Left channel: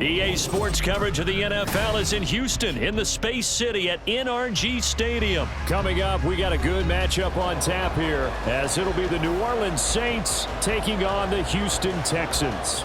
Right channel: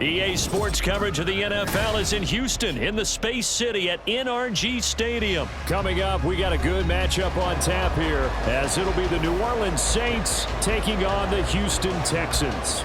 EA Sports coverage of the NFL is in Houston in the Space City at NRG Stadium. Coming up, we got a good matchup on tap here as it'll be the New Orleans Saints taking on the Houston Texans.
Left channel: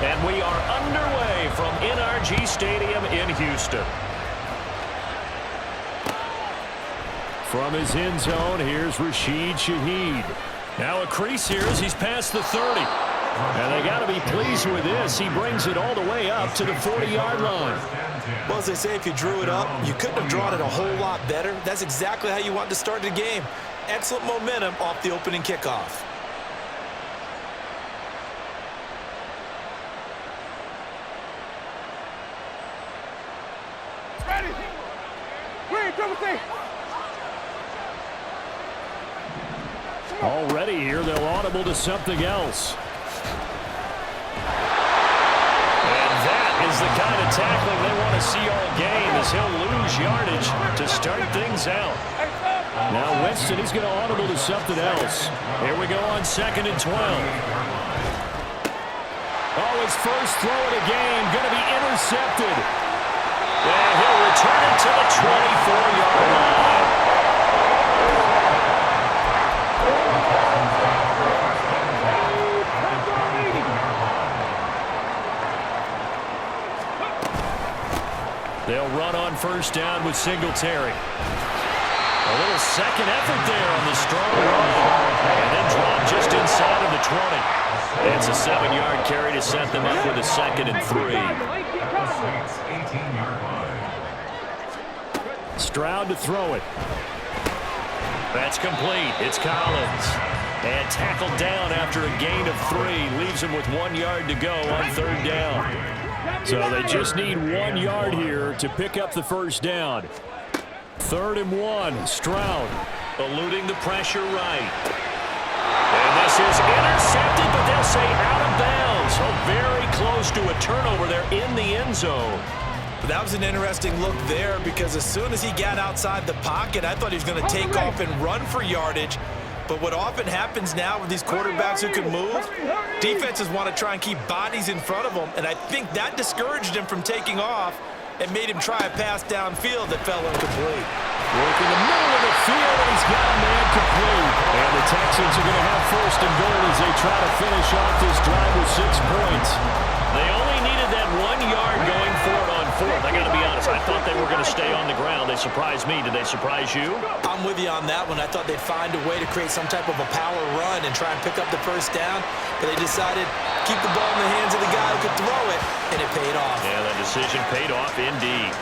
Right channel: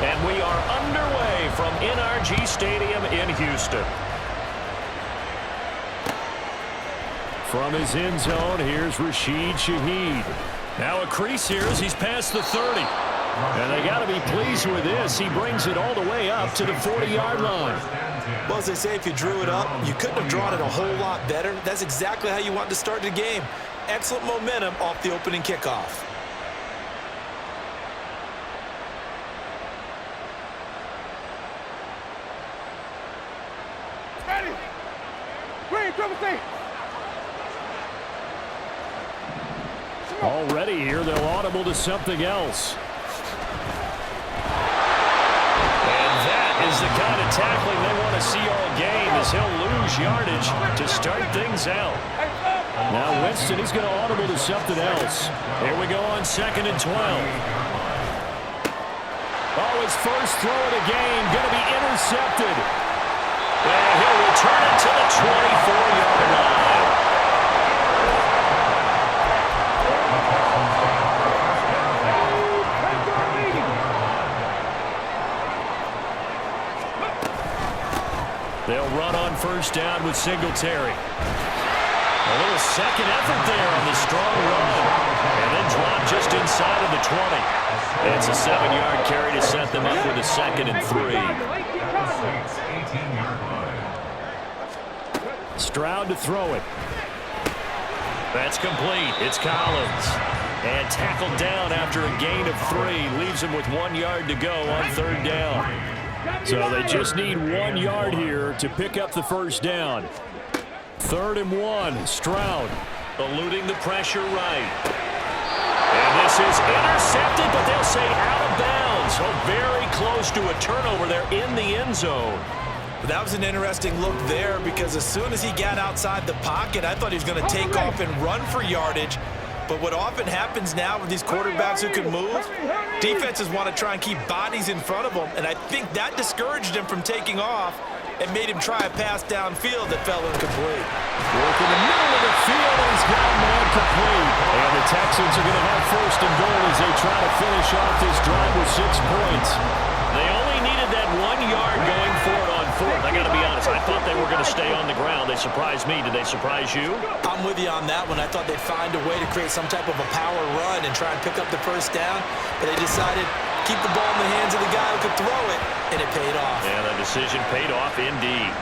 And we are underway from NRG Stadium in Houston. From his end zone, here's Rashid Shaheed. Now a crease here as he's past the 30. And they got to be pleased with this. He brings it all the way up to the 40-yard line. Well, as they say, if you drew it up, you couldn't have drawn it a whole lot better. That's exactly how you want to start the game. Excellent momentum off the opening kickoff. Already here, they'll audible to something else. And that is the kind of tackling they want to see all game as he'll lose yardage to start things out. Now Winston, he's going to audible to something else. Here we go on 2nd and 12. Oh, his first throw of the game going to be intercepted. And he'll return it to the 24-yard line. They'll run on first down with Singletary. A little second effort there on the strong run. And then drop just inside of the 20. It's a 7-yard carry to set them up with a 2nd and 3. Stroud to throw it. That's complete. It's Collins. And tackled down after a gain of 3. Leaves him with 1 yard to go on 3rd down. So they just need 1 yard here to pick up the first down. 3rd and 1. Stroud eluding the pressure right. And this is intercepted, but they'll say out of bounds. So very close to a turnover there in the end zone. But that was an interesting look there because as soon as he got outside the pocket, I thought he was going to take off and run for yardage. But what often happens now with these quarterbacks who can move, defenses want to try and keep bodies in front of them, and I think that discouraged him from taking off and made him try a pass downfield that fell incomplete. Work in the middle of the field, and he's got a man complete. And the Texans are going to have 1st and goal as they try to finish off this drive with 6 points. They only needed that 1 yard going forward on 4th. I got to be honest, I thought they were going to stay on the ground. They surprised me. Did they surprise you? I'm with you on that one. I thought they'd find a way to create some type of a power run and try and pick up the first down, but they decided keep the ball in the hands of the guy who could throw it, and it paid off. Yeah, that decision paid off indeed.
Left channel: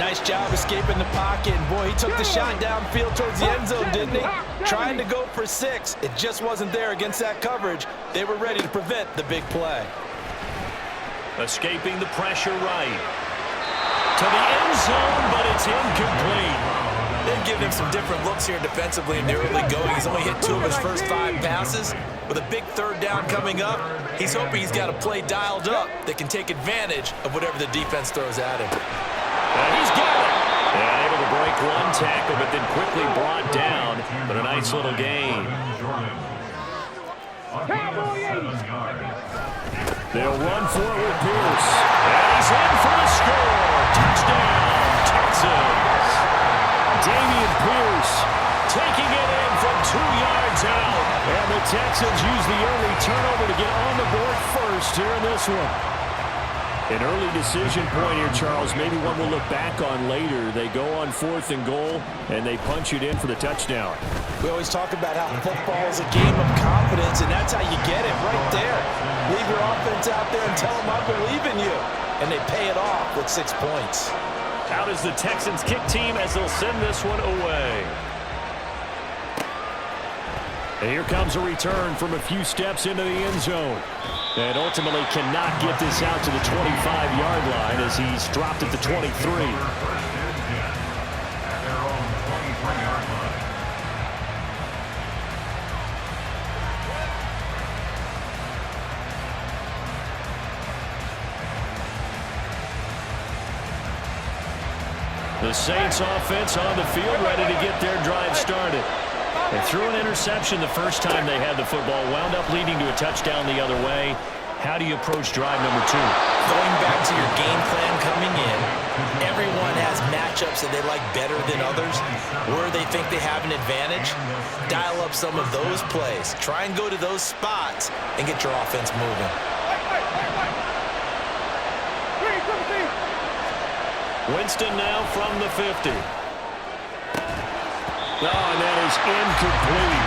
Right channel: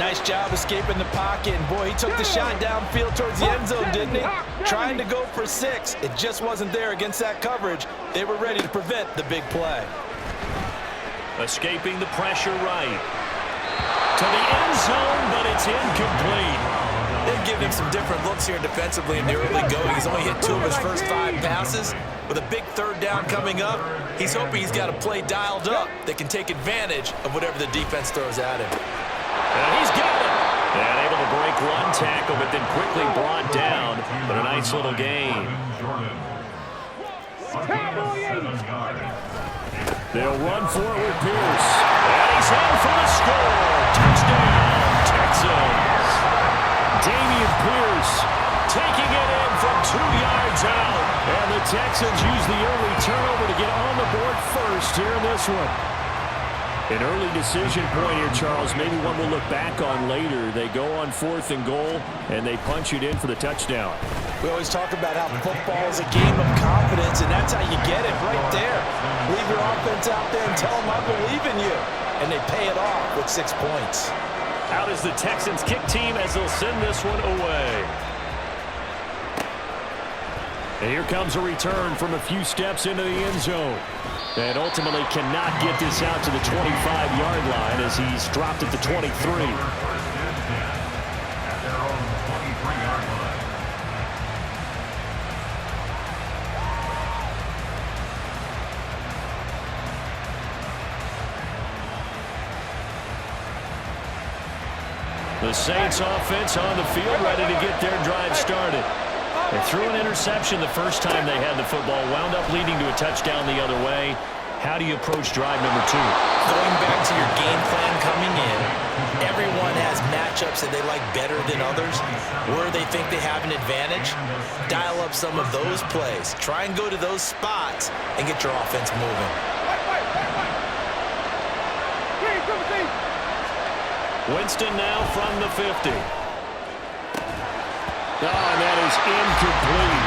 Nice job escaping the pocket, and boy, he took the shot downfield towards the end zone, didn't he? Trying to go for 6. It just wasn't there against that coverage. They were ready to prevent the big play. Escaping the pressure right. To the end zone, but it's incomplete. They've given him some different looks here defensively in the early going. He's only hit 2 of his first 5 passes. With a big 3rd down coming up, he's hoping he's got a play dialed up that can take advantage of whatever the defense throws at him. He's got it. And able to break 1 tackle, but then quickly brought down. But a nice little gain. They'll run for it with Pierce. And he's in for the score. Touchdown, Texans. Damian Pierce taking it in from 2 yards out. And the Texans use the early turnover to get on the board first here in this one. An early decision point here, Charles. Maybe one we'll look back on later. They go on 4th and goal, and they punch it in for the touchdown. We always talk about how football is a game of confidence, and that's how you get it right there. Leave your offense out there and tell them I believe in you. And they pay it off with 6 points. Out is the Texans kick team as they'll send this one away. And here comes a return from a few steps into the end zone. And ultimately cannot get this out to the 25-yard line as he's dropped at the 23. The Saints offense on the field, ready to get their drive started. They threw an interception the first time they had the football, wound up leading to a touchdown the other way. How do you approach drive number 2? Going back to your game plan coming in, everyone has matchups that they like better than others, where they think they have an advantage. Dial up some of those plays. Try and go to those spots and get your offense moving. Winston now from the 50. Oh, and that is incomplete.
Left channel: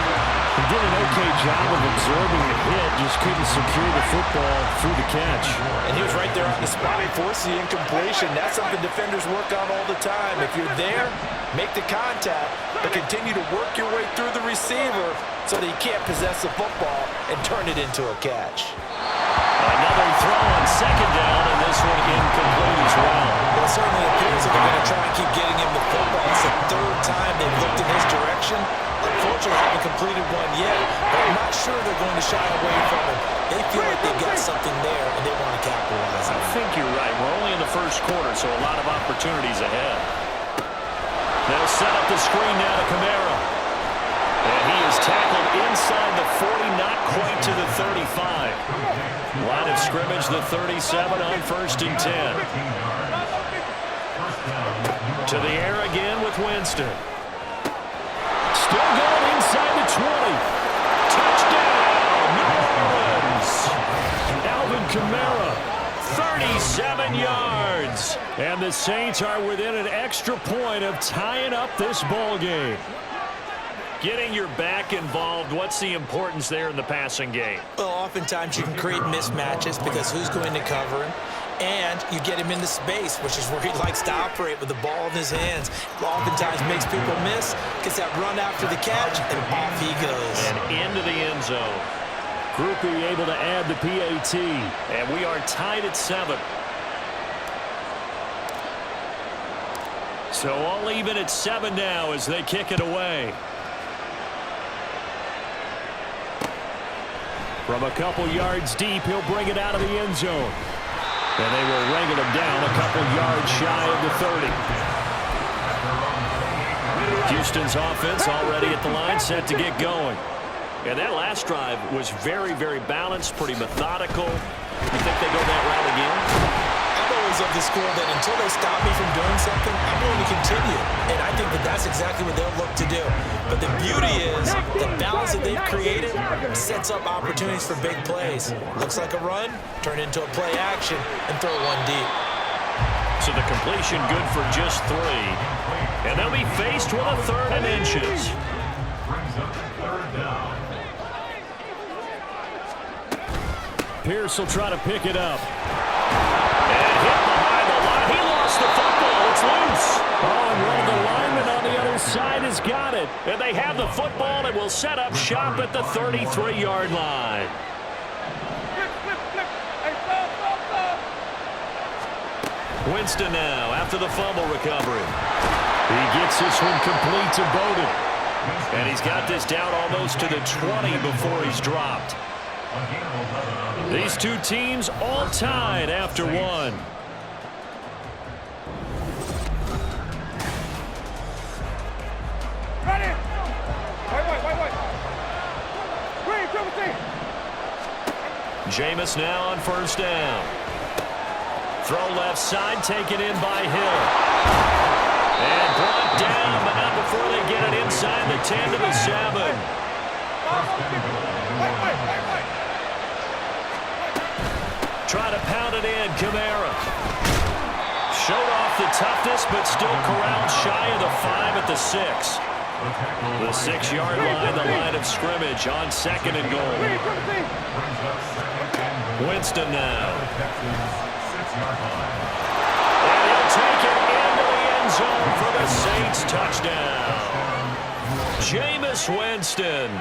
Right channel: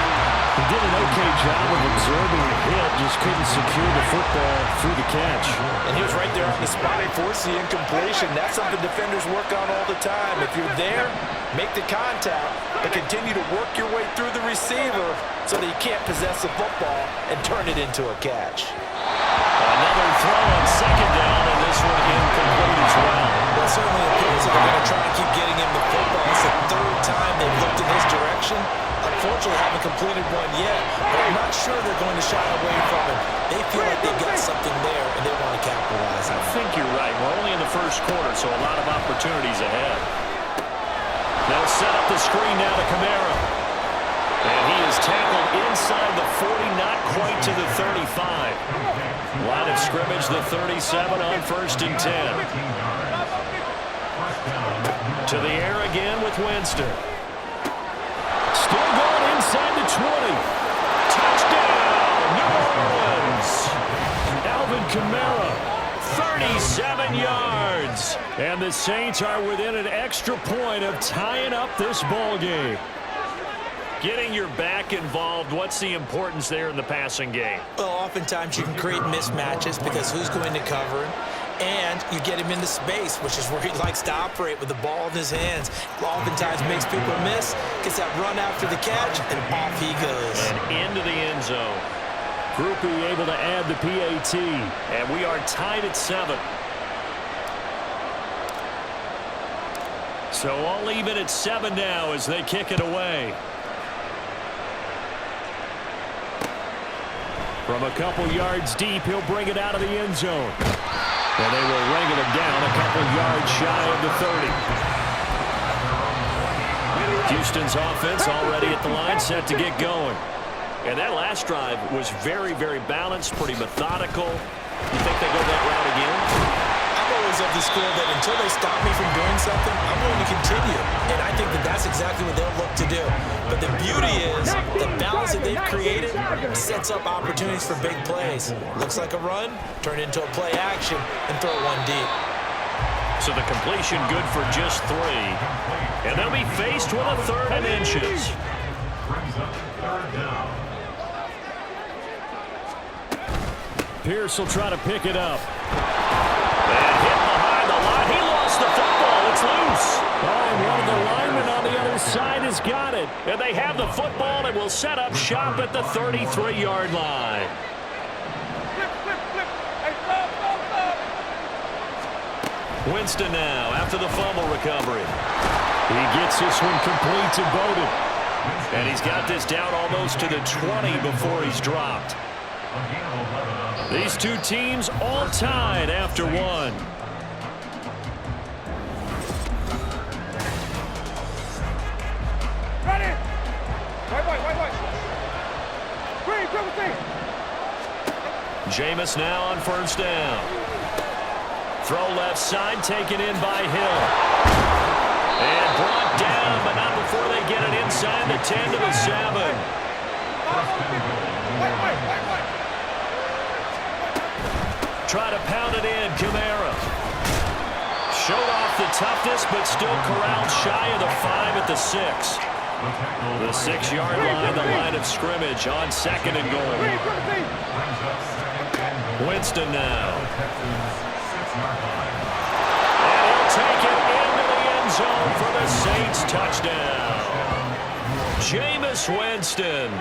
He did an okay job of absorbing the hit, just couldn't secure the football through the catch. And he was right there on the spot and forced the incompletion. That's something defenders work on all the time. If you're there, make the contact, but continue to work your way through the receiver so that you can't possess the football and turn it into a catch. Another throw on second down, and this one incomplete as well. Well, it certainly appears that they're going to try and keep getting him the football. It's the third time they've looked in his direction. Unfortunately, haven't completed one yet, but I'm not sure they're going to shy away from him. They feel like they've got something there, and they want to capitalize on it. I think you're right. We're only in the first quarter, so a lot of opportunities ahead. They'll set up the screen now to Kamara. And he is tackled inside the 40, not quite to the 35. Line of scrimmage, the 37 on 1st and 10. To the air again with Winston. Still going inside the 20. Touchdown, New Orleans. Alvin Kamara, 37 yards. And the Saints are within an extra point of tying up this ball game. Getting your back involved, what's the importance there in the passing game? Well, oftentimes you can create mismatches because who's going to cover him? And you get him into space, which is where he likes to operate with the ball in his hands. Oftentimes makes people miss, gets that run after the catch, and off he goes. And into the end zone. Groupie able to add the PAT. And we are tied at 7. So all even at 7 now as they kick it away. From a couple yards deep, he'll bring it out of the end zone. And they will wrangle him down a couple yards shy of the 30. Houston's offense already at the line, set to get going. And that last drive was very, very balanced, pretty methodical. You think they go that route again? I'm always of the school that until they stop me from doing something, I'm going to continue. And I think that that's exactly what they'll look to do. But the beauty is the balance that they've created sets up opportunities for big plays. Looks like a run, turn into a play action, and throw one deep. So the completion good for just 3. And they'll be faced with a 3rd and inches. Pierce will try to pick it up. And hit behind the line. He lost the football. It's loose. Oh, and one of the linemen on the other side has got it. And they have the football and will set up shop at the 33-yard line. Winston now after the fumble recovery. He gets this one complete to Bowden. And he's got this down almost to the 20 before he's dropped. These two teams all tied after 1. Ready. Wait. Green, triple T. Jameis now on 1st down. Throw left side, taken in by Hill. And brought down, but not before they get it inside the 10 to the 7. Wait. Try to pound it in, Kamara. Showed off the toughness, but still corralled shy of the 5 at the 6. The 6-yard line, the line of scrimmage on 2nd and goal. Winston now. And he'll take it into the end zone for the Saints touchdown. Jameis Winston.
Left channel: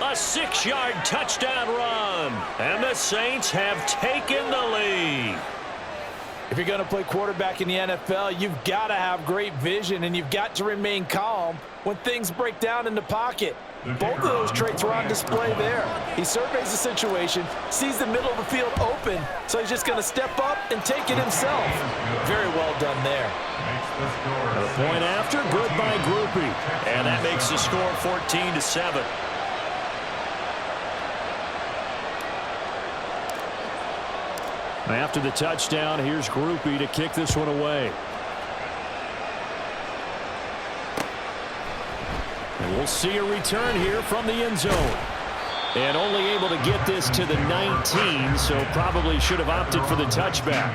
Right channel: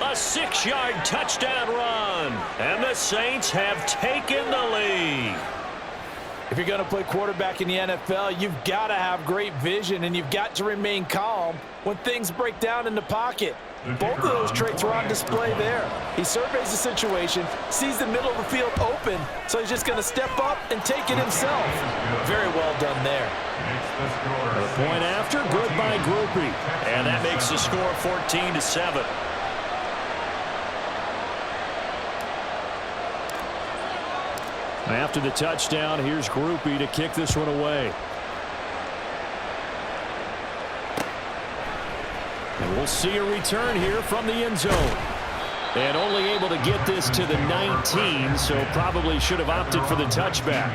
A 6-yard touchdown run. And the Saints have taken the lead. If you're going to play quarterback in the NFL, you've got to have great vision, and you've got to remain calm when things break down in the pocket. Both of those traits were on display there. He surveys the situation, sees the middle of the field open, so he's just going to step up and take it himself. Very well done there. The point after, good by Groupie. And that makes the score 14-7. After the touchdown, here's Groupie to kick this one away. And we'll see a return here from the end zone. And only able to get this to the 19, so probably should have opted for the touchback.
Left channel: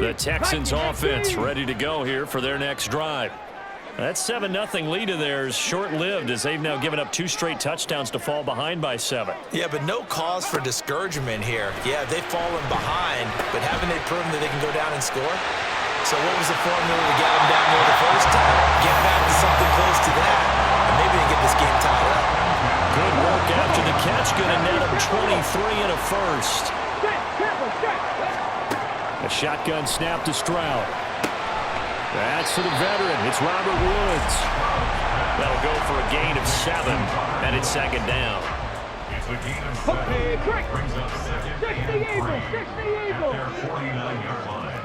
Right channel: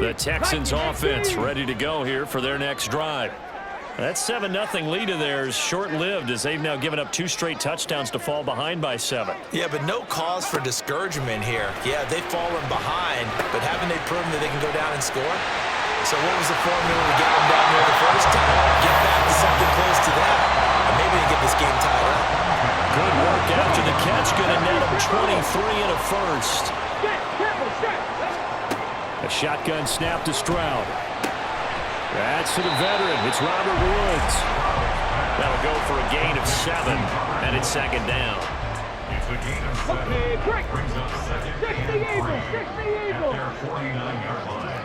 The Texans offense ready to go here for their next drive. That 7-0 lead of theirs short-lived as they've now given up 2 straight touchdowns to fall behind by 7. Yeah, but no cause for discouragement here. Yeah, they've fallen behind, but haven't they proven that they can go down and score? So what was the formula to get them down there the first time? Get back to something close to that, and maybe they get this game tied up. Good work after the catch. Going to net them 23 and a first. A shotgun snap to Stroud. That's to the veteran. It's Robert Woods. That'll go for a gain of 7, and it's second down. It's a gain of 7. Brings up second and 5 at their 49-yard line.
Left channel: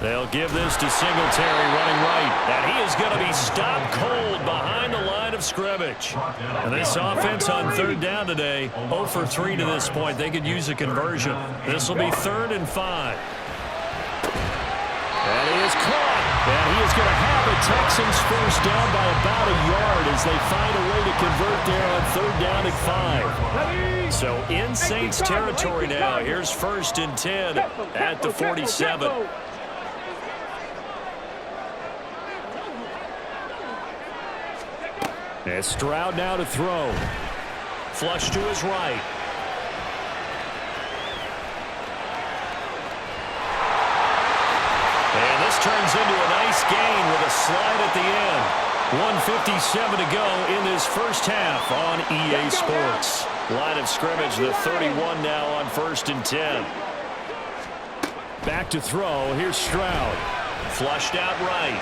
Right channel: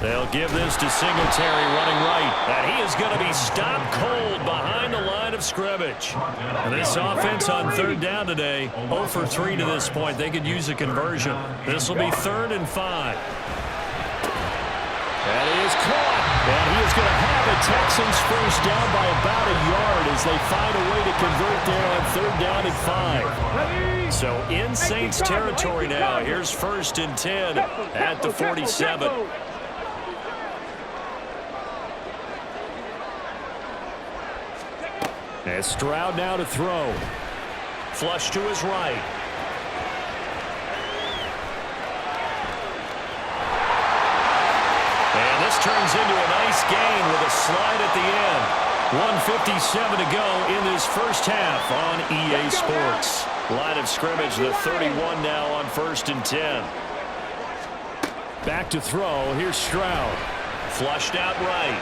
They'll give this to Singletary running right. And he is going to be stopped cold behind the line of scrimmage. And this offense on third down today, 0 for 3 to this point. They could use a conversion. This will be 3rd and 5. And he is caught. And he is going to have a Texans first down by about a yard as they find a way to convert there on 3rd down and 5. So in Saints territory now. Here's 1st and 10 at the 47. And Stroud now to throw. Flush to his right. And this turns into a nice gain with a slide at the end. 1:57 to go in this first half on EA Sports. Line of scrimmage, the 31 now on 1st and 10. Back to throw. Here's Stroud. Flushed out right.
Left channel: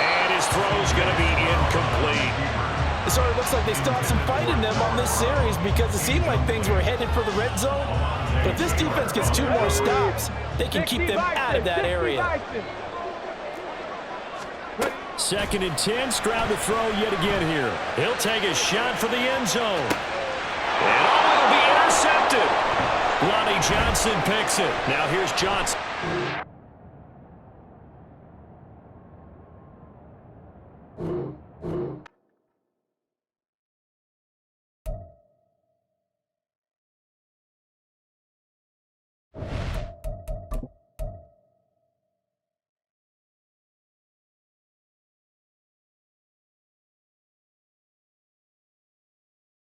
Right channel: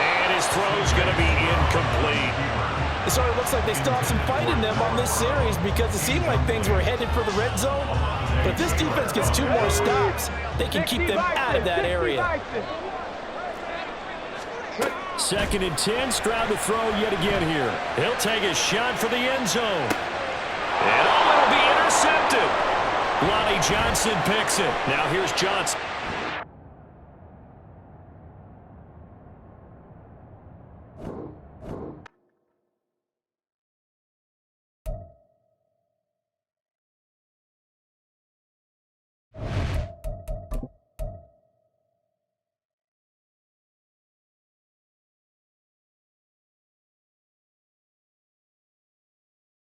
And his throw's going to be incomplete. It sort of looks like they still have some fight in them on this series because it seemed like things were headed for the red zone. But if this defense gets 2 more stops, they can keep them out of that area. 2nd and 10. Stroud to throw yet again here. He'll take a shot for the end zone. And it'll be intercepted. Lonnie Johnson picks it. Now here's Johnson.